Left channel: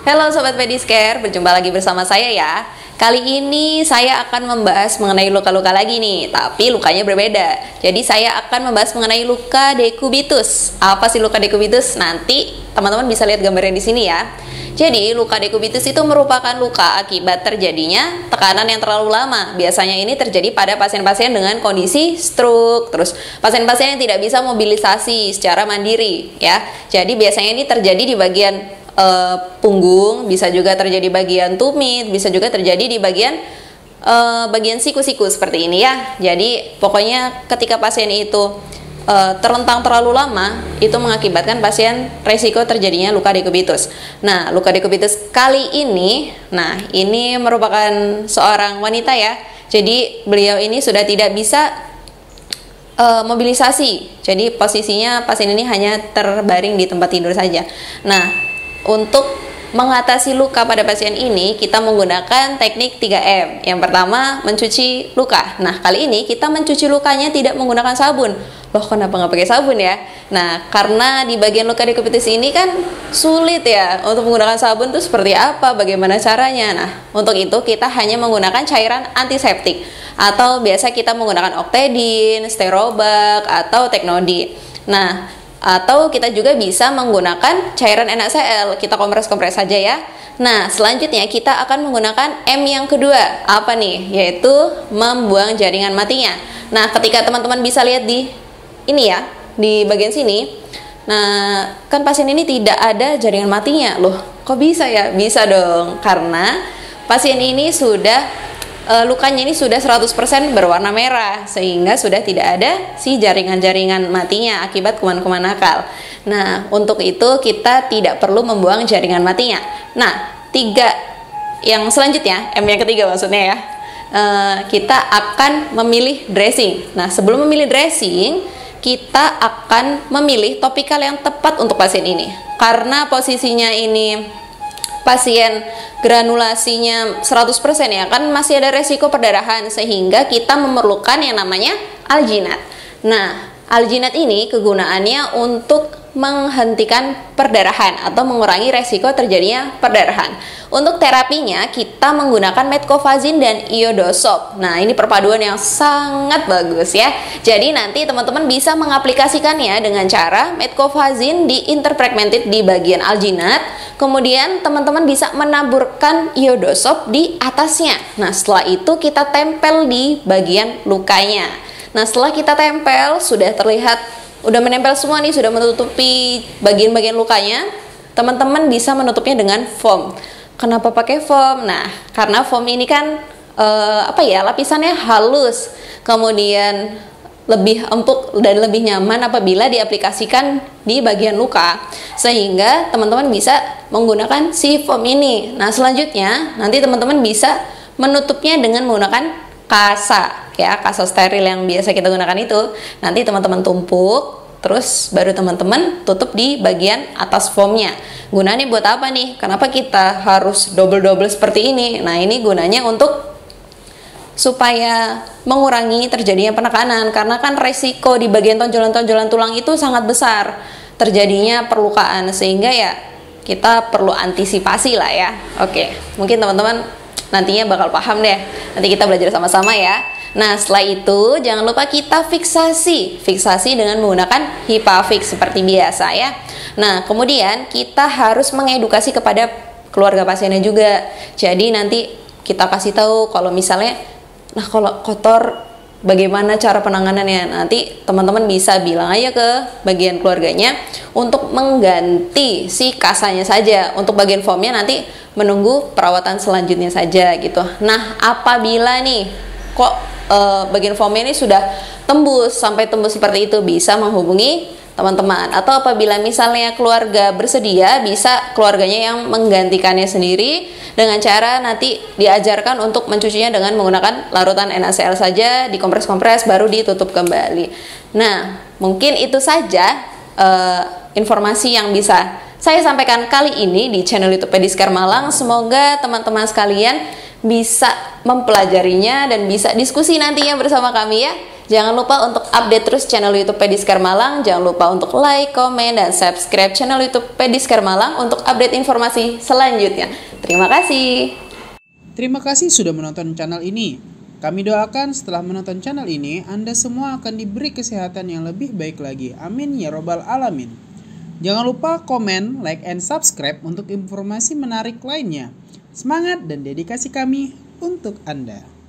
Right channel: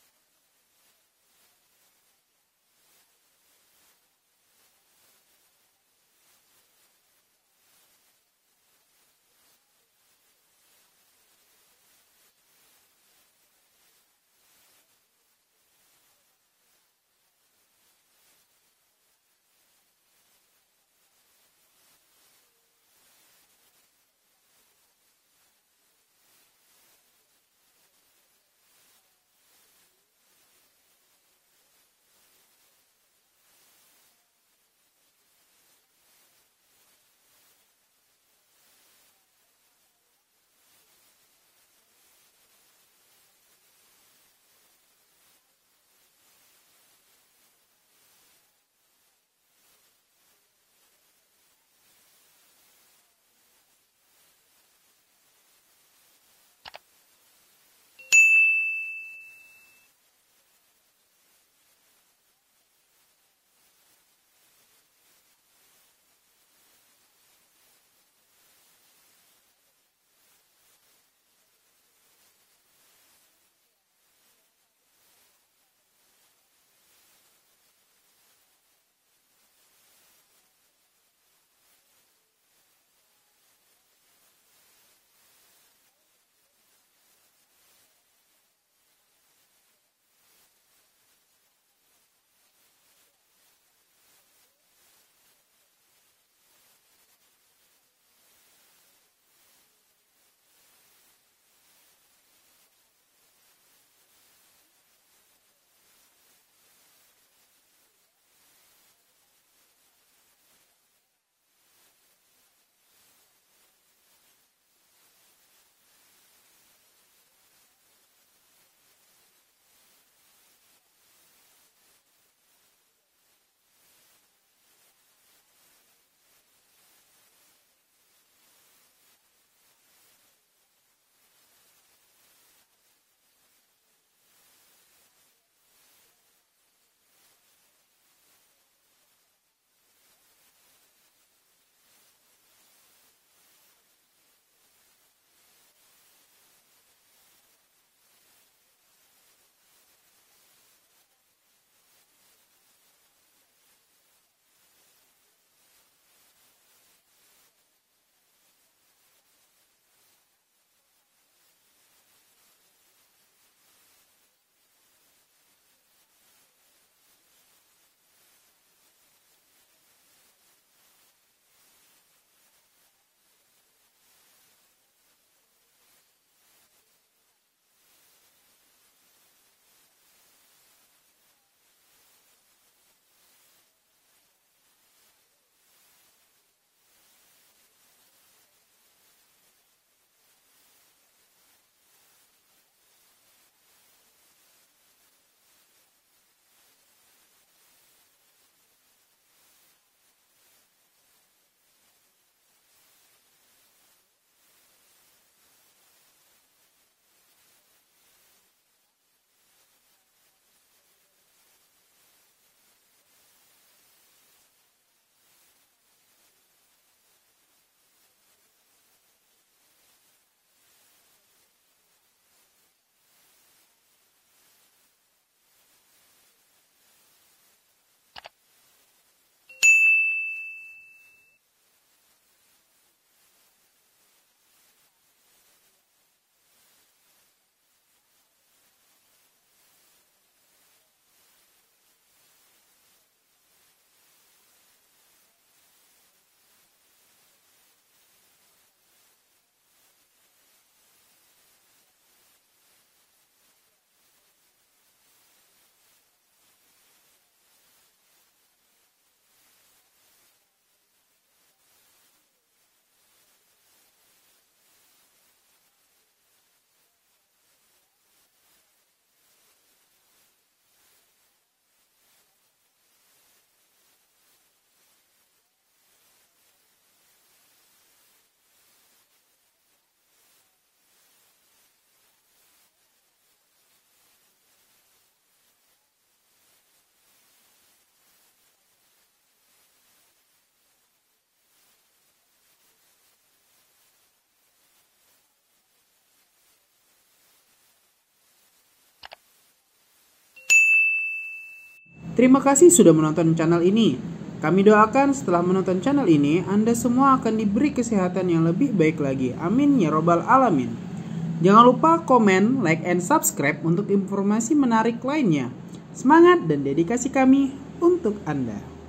Halo Sobat Pedicare, berjumpa lagi bersama saya ya. Kali ini saya akan membahas mengenai luka-luka lagi nih, tapi lukanya berbeda. Jadi saya akan membahas mengenai luka dekubitus. Apa sih luka dekubitus? Nanti teman-teman bisa lihat gambarnya di sini ya. Jadi luka dekubitus itu merupakan luka akibat terjadinya tekanan yang terlalu lama. Biasanya ini terjadi pada pasien-pasien dengan kondisi stroke, terus pasien-pasien yang tidak bisa mobilisasi secara mandiri ya. Jadi biasanya ini terjadi di bagian punggung, bisa juga terjadi bagian tumit, bisa juga terjadi di bagian siku-siku seperti ini ya. Jadi pokoknya ketika pasien itu terlentang terlalu lama, itu mengakibatkan pasien resiko terjadinya luka dekubitus. Nah, luka dekubitus kali ini, ini merupakan seorang wanita ya. Jadi beliau ini sudah tidak bisa mobilisasi. Jadi posisinya pasien ini hanya terbaring di tempat tidur saja. Nah, untuk mengatasi luka pada pasien ini, kita menggunakan teknik 3M. Yang pertama, mencuci luka. Nah, kali ini kita mencuci lukanya tidak menggunakan sabun. Loh, kenapa nggak pakai sabun ya? Nah, karena di bagian luka dekubitus ini kan sulit ya untuk menggunakan sabun itu seperti apa, bagaimana caranya. Nah, untuk itu kita hanya menggunakan cairan antiseptik atau biasa kita menggunakan Octedin, Sterobak, atau Technodin. Nah, atau kita juga bisa menggunakan cairan NaCl, kita kompres-kompres saja ya. Nah, selanjutnya kita akan menggunakan M yang kedua. Apa nih? Yaitu membuang jaringan matinya. Nah, ketika teman-teman bisa lihat di ini ya, di bagian sini. Nah, kan pasien ini tidak ada jaringan matinya. Loh, kok bisa ya? Bisa dong, karena pasien ini sudah lukanya ini sudah 100% berwarna merah, sehingga sudah tidak ada si jaringan-jaringan matinya akibat kuman-kuman nakal. Nah, untuk itu kita tidak perlu membuang jaringan matinya. Nah, yang selanjutnya, M yang ketiga maksudnya ya, kita akan memilih dressing. Nah, sebelum memilih dressing, kita akan memilih topikal yang tepat untuk pasien ini. Karena posisinya ini pasien granulasinya 100% ya, kan masih ada resiko perdarahan, sehingga kita memerlukan yang namanya alginat. Nah, alginat ini kegunaannya untuk menghentikan perdarahan atau mengurangi resiko terjadinya perdarahan. Untuk terapinya kita menggunakan metcofazin dan iodosob. Nah, ini perpaduan yang sangat bagus ya. Jadi nanti teman-teman bisa mengaplikasikannya dengan cara metcofazin diinterfragmented di bagian alginat, kemudian teman-teman bisa menaburkan iodosob di atasnya. Nah, setelah itu kita tempel di bagian lukanya. Nah, setelah kita tempel, sudah terlihat, udah menempel semua nih, sudah menutupi bagian-bagian lukanya, teman-teman bisa menutupnya dengan foam. Kenapa pakai foam? Nah, karena foam ini kan lapisannya halus, kemudian lebih empuk dan lebih nyaman apabila diaplikasikan di bagian luka, sehingga teman-teman bisa menggunakan si foam ini. Nah, selanjutnya nanti teman-teman bisa menutupnya dengan menggunakan kasa ya, kasa steril yang biasa kita gunakan itu. Nanti teman-teman tumpuk, terus baru teman-teman tutup di bagian atas foamnya. Gunanya buat apa nih? Kenapa kita harus double-double seperti ini? Nah, ini gunanya untuk supaya mengurangi terjadinya penekanan, karena kan resiko di bagian tonjolan-tonjolan tulang itu sangat besar terjadinya perlukaan, sehingga ya kita perlu antisipasi lah ya. Oke, mungkin teman-teman nantinya bakal paham deh. Nanti kita belajar sama-sama ya. Nah, setelah itu jangan lupa kita fiksasi dengan menggunakan HIPAFIX seperti biasa ya. Nah, kemudian kita harus mengedukasi kepada keluarga pasiennya juga. Jadi nanti kita kasih tahu kalau misalnya, nah kalau kotor bagaimana cara penanganannya. Nanti teman-teman bisa bilang aja ke bagian keluarganya untuk mengganti si kasanya saja. Untuk bagian foamnya nanti menunggu perawatan selanjutnya saja gitu. Nah, apabila nih kok bagian foamnya ini sudah sampai tembus seperti itu, bisa menghubungi teman-teman, atau apabila misalnya keluarga bersedia, bisa keluarganya yang menggantikannya sendiri dengan cara nanti diajarkan untuk mencucinya dengan menggunakan larutan NaCl saja, dikompres-kompres baru ditutup kembali. Nah, mungkin itu saja informasi yang bisa saya sampaikan kali ini di channel YouTube Pedicare Malang. Semoga teman-teman sekalian bisa mempelajarinya dan bisa diskusi nantinya bersama kami ya. Jangan lupa untuk update terus channel YouTube Pediskar Malang. Jangan lupa untuk like, komen, dan subscribe channel YouTube Pediskar Malang untuk update informasi selanjutnya. Terima kasih. Terima kasih sudah menonton channel ini. Kami doakan setelah menonton channel ini, Anda semua akan diberi kesehatan yang lebih baik lagi. Amin ya robbal alamin. Jangan lupa komen, like, and subscribe untuk informasi menarik lainnya. Semangat dan dedikasi kami untuk Anda.